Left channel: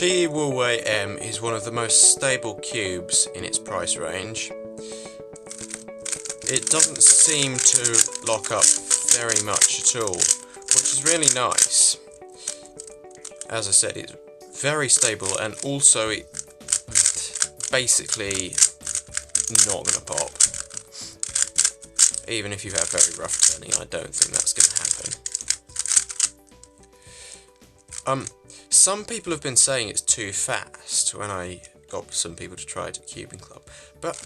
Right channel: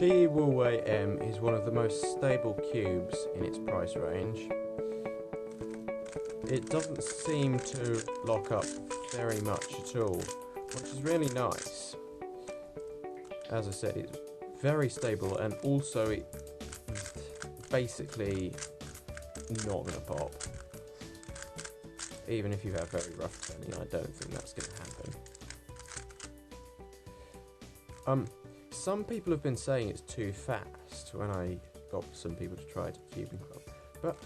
wuwei M is one of the most stable cubes in its price range. It doesn't seem to lock up very much at all, which is really nice. As I said, it's very stable, and also it's basically not going to pop. Even if you have very rough turning, I don't think that's going to happen. Some people have been saying it's too fast when I got some people to try it at Cubing Club, but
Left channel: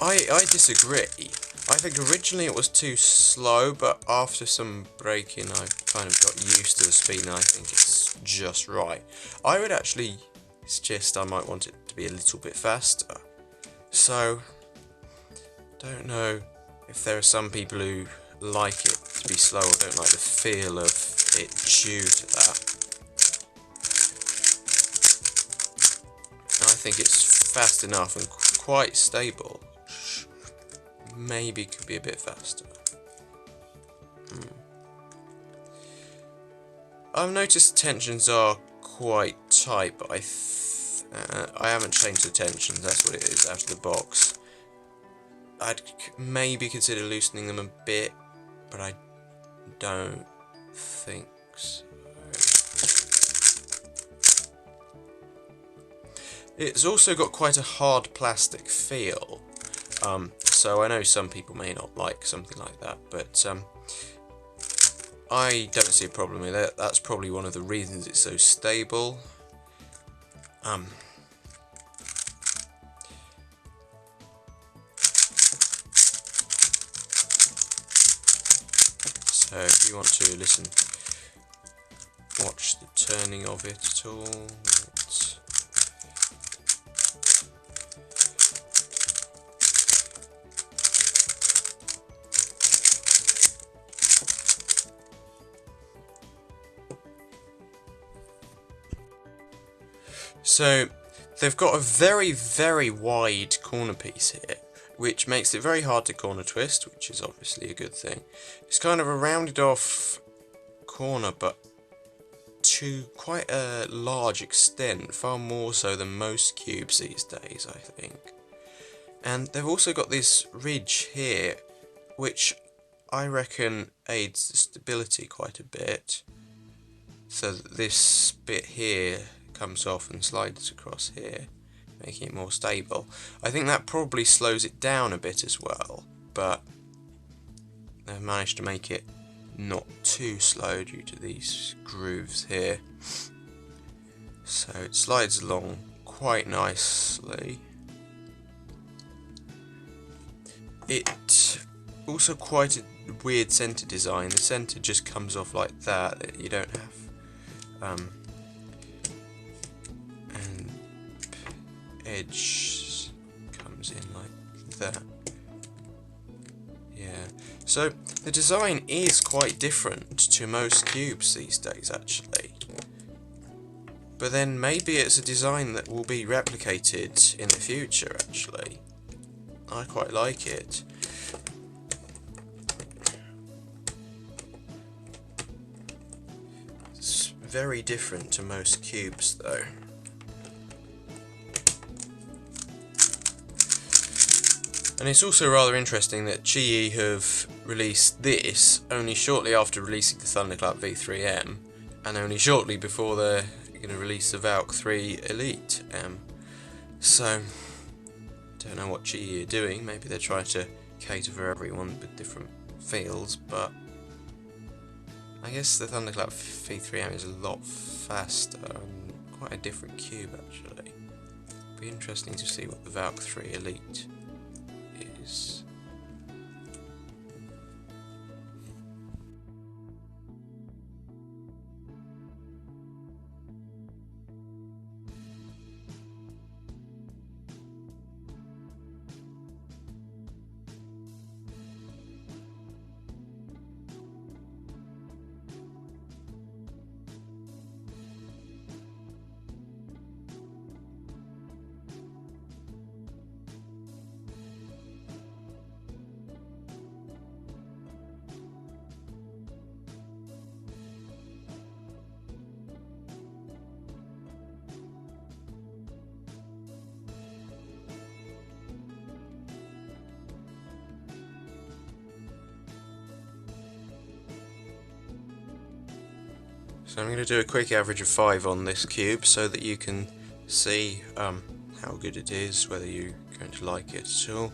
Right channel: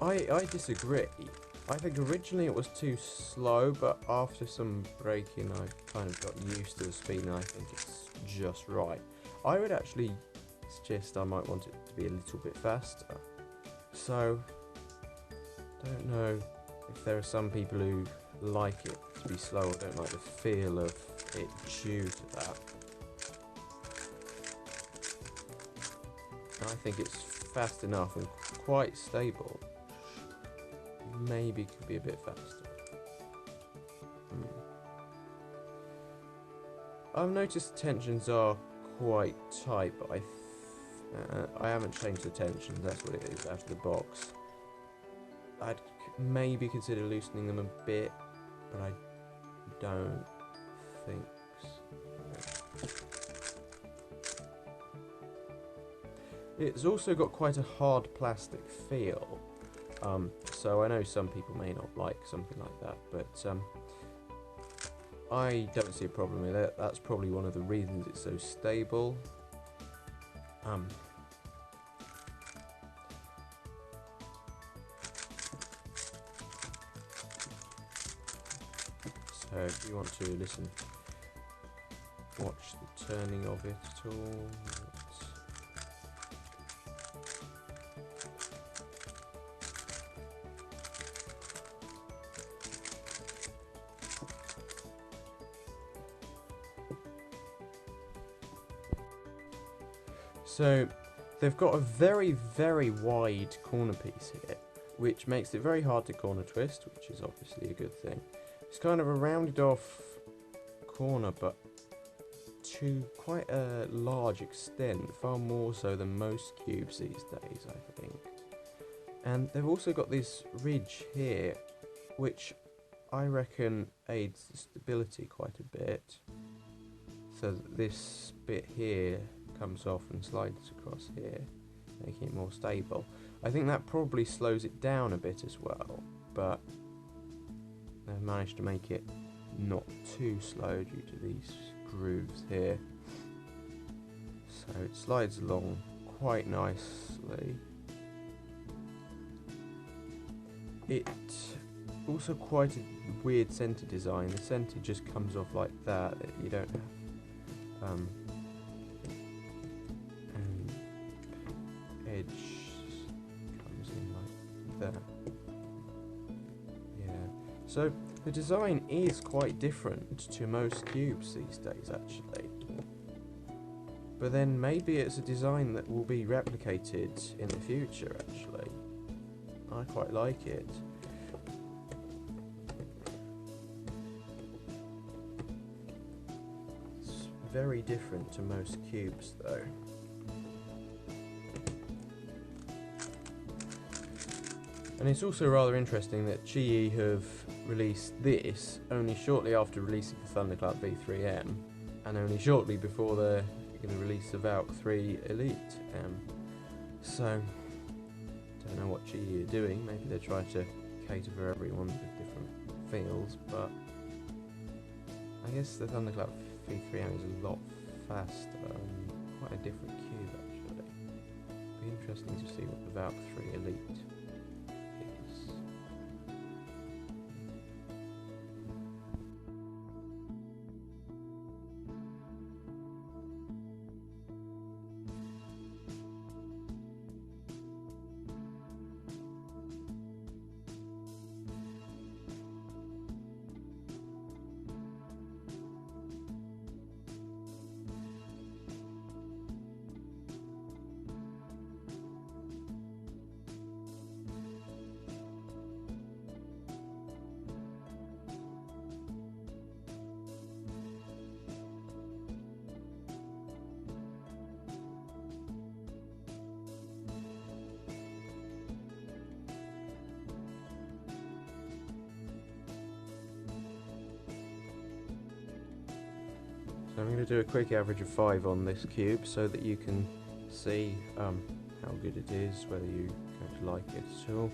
I disagree. I think originally it was too slow, but after some braking I kind of got used to the speed, and I think it's just right. I would actually suggest I might want it to be a little bit faster. So, don't know if there are some people who like it to be slow or don't like the feel of it due to that. I think it's fast enough and quite stable. Maybe could be a bit faster. I've noticed the tensions are quite tight, but I haven't changed the tensions. That's what it is out of the box. I'd maybe consider loosening them a bit, but I don't think so. It's also got quite a hard plastic feel, so I know some people may not like something like that, but I don't see a problem with it. That's probably one of the reasons it's so stable. So if you want to listen, watch the turning of it at all. So they've got a very, very wide corner piece here, which makes it very hard to corner twist, which is obviously a good thing. It's kind of a rounded off corner, but to quite a large extent, far more so than most cubes these days, I think. And they've also got this ridge here, which I reckon aids the stability quite a bit. So that this bit here comes off and slides across here, making it more stable. I think that probably slows it down a bit as well, but they've managed to make it not too slow due to these grooves here. So it slides along quite nicely. It also quite a weird centre design. The centre just comes off like that. You don't have and edge comes in like that. Yeah. So the design is quite different to most cubes these days, actually. But then maybe it's a design that will be replicated in the future, actually. I quite like it. It's very different to most cubes, though. And it's also rather interesting that GE have released this only shortly after releasing the Thunderclap V3M, and only shortly before they're going to release the Valk 3 Elite M. So, don't know what GE are doing. Maybe they're trying to cater for everyone with different feels, but I guess the Thunderclap V3M is a lot faster and quite a different cube, actually. Be interesting to see what the Valk 3 Elite is. So I'm going to do a quick average of 5 on this cube so that you can see how good it is, whether you're going to like it at all.